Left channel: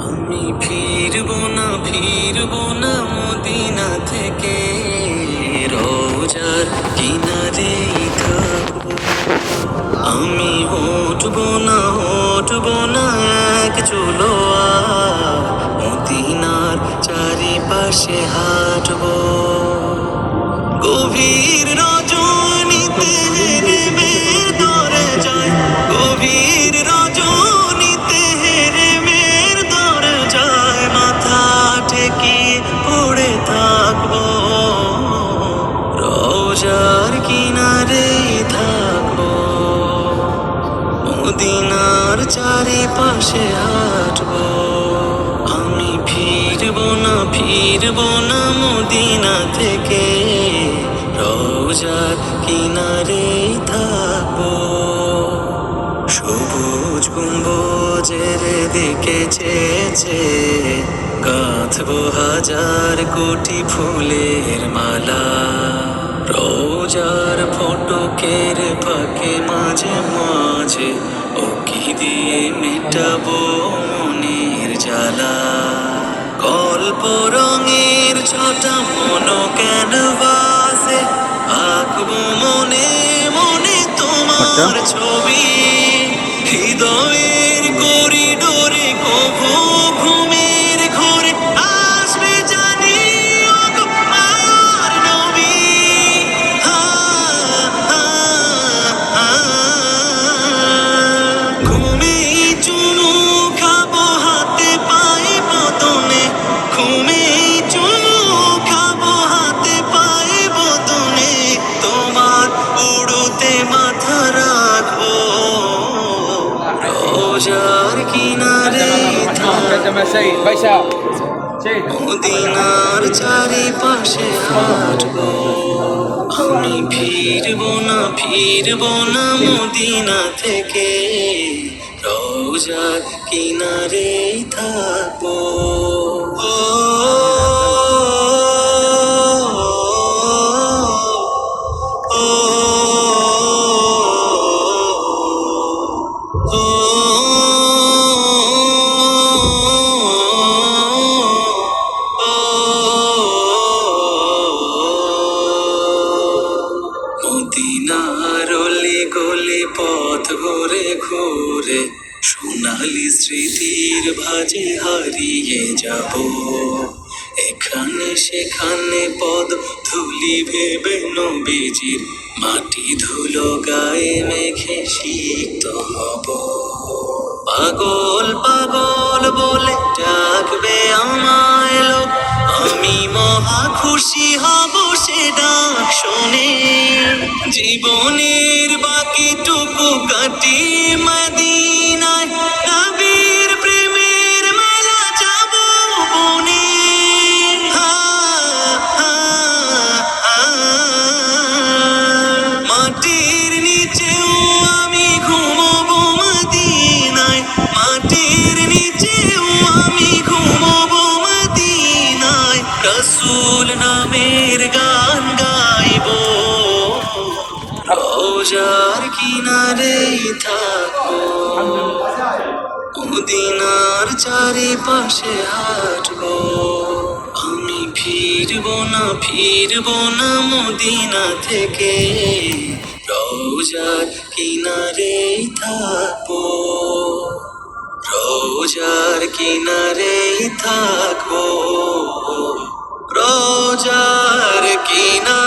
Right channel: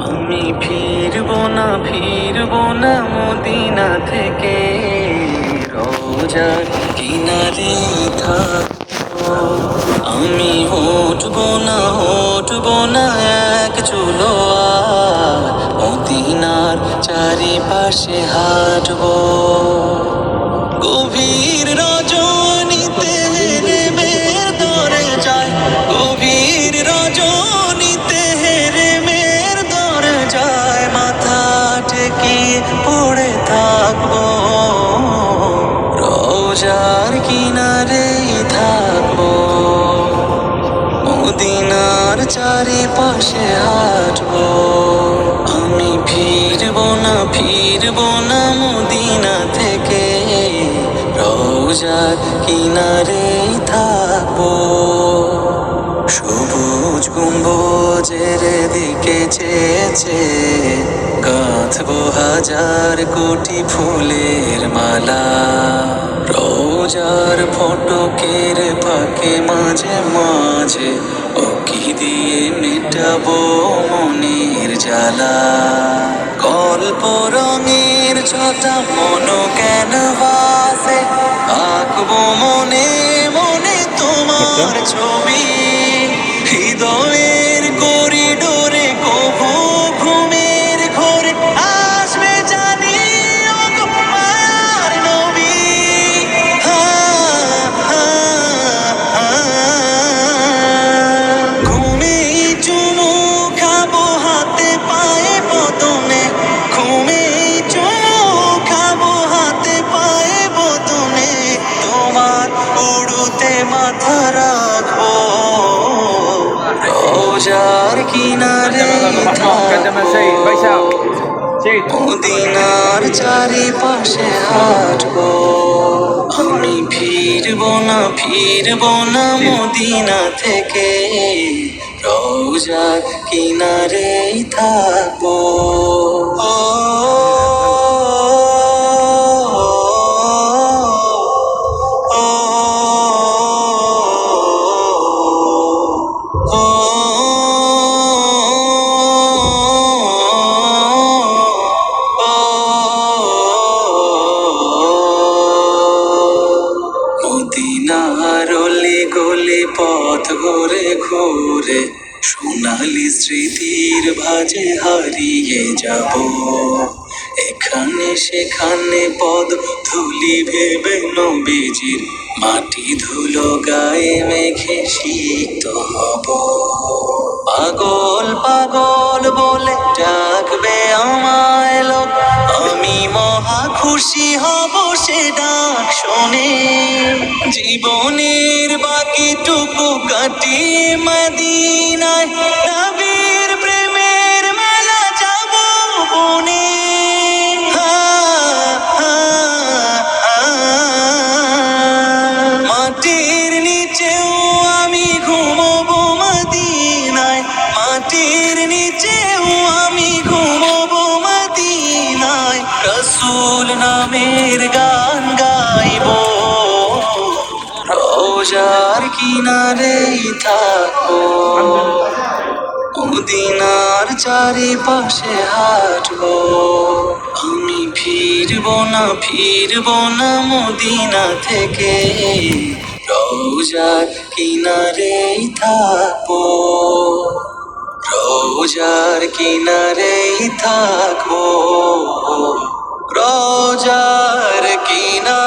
আমি ফিরবো না মদিনা থেকে, রোজার কিনারেই থাকবো। আমি হটবো না এক চুলো আর, মদিনার চারিপাশে হাঁটবো। গভীর রজনীতে হেরেমের দরে যায়, গভীর রজনীতে হেরেমের দরে যায়, মাথা ঠেকিয়ে পড়ে থাকবো, রোজার কিনারেই থাকবো। মদিনার চারিপাশে হাঁটবো। আমি ফিরবো না মদিনা থেকে, রোজার কিনারেই থাকবো। সবুজ গম্বুজের দিকে চেয়ে গাঁথবো হাজার কোটি ফুলের মালা, রোজার ফটকের ফাঁকে মাঝে মাঝে ওকি দিয়ে মেটাবো মনের জ্বালা। গল্প রঙের ছটা ক্যানভাসে আঁকবো মনে মনে তোমার ছবি, হৃদয়ের করিডোরে কভু ঘুমের ঘোরে আসবে জানি ও তো মায়ার নবী। ঘুমেই চুমু খাবো হাতে পায়ে বদনে, ঘুমেই চুমু খাবো হাতে পায়ে বদনে, তোমার উড়ুতে মাথা রাখবো, রোজার কিনারে মদিনার চারিপাশে হাঁটবো। আমি ফিরবো না মদিনা থেকে, রোজার কিনারেই থাকবো। মদিনার অলি গলি পথ ঘুরে ঘুরে সোনালি স্মৃতির ভাজে হারিয়ে যাব, এখানে সেখানে পদ ধুলি ভেবে নবীজির মাটি ধুলো গায়ে মেঘে সিক্ত হব। পাগল পাগল বলে ডাকবে আমায় লোক, আমি মহা খুশি হব সে ডাক শুনে। জীবনের বাকিটুকু কাটিয়ে মদিনায় নবীর প্রেমের মেলা যাব বনে। মাটির নিচেও আমি ঘুমবো মদিনায়, মাটির নিচেও আমি ঘুমবো মদিনায়, রসুল নামের গান গাইবো, রোজার কিনারেই থাকবো। মদিনার চারিপাশে হাঁটবো। আমি ফিরবো না মদিনা থেকে, রোজার কিনারেই থাকবো, রোজার কিনারেই থাকবো, রোজার কিনারে।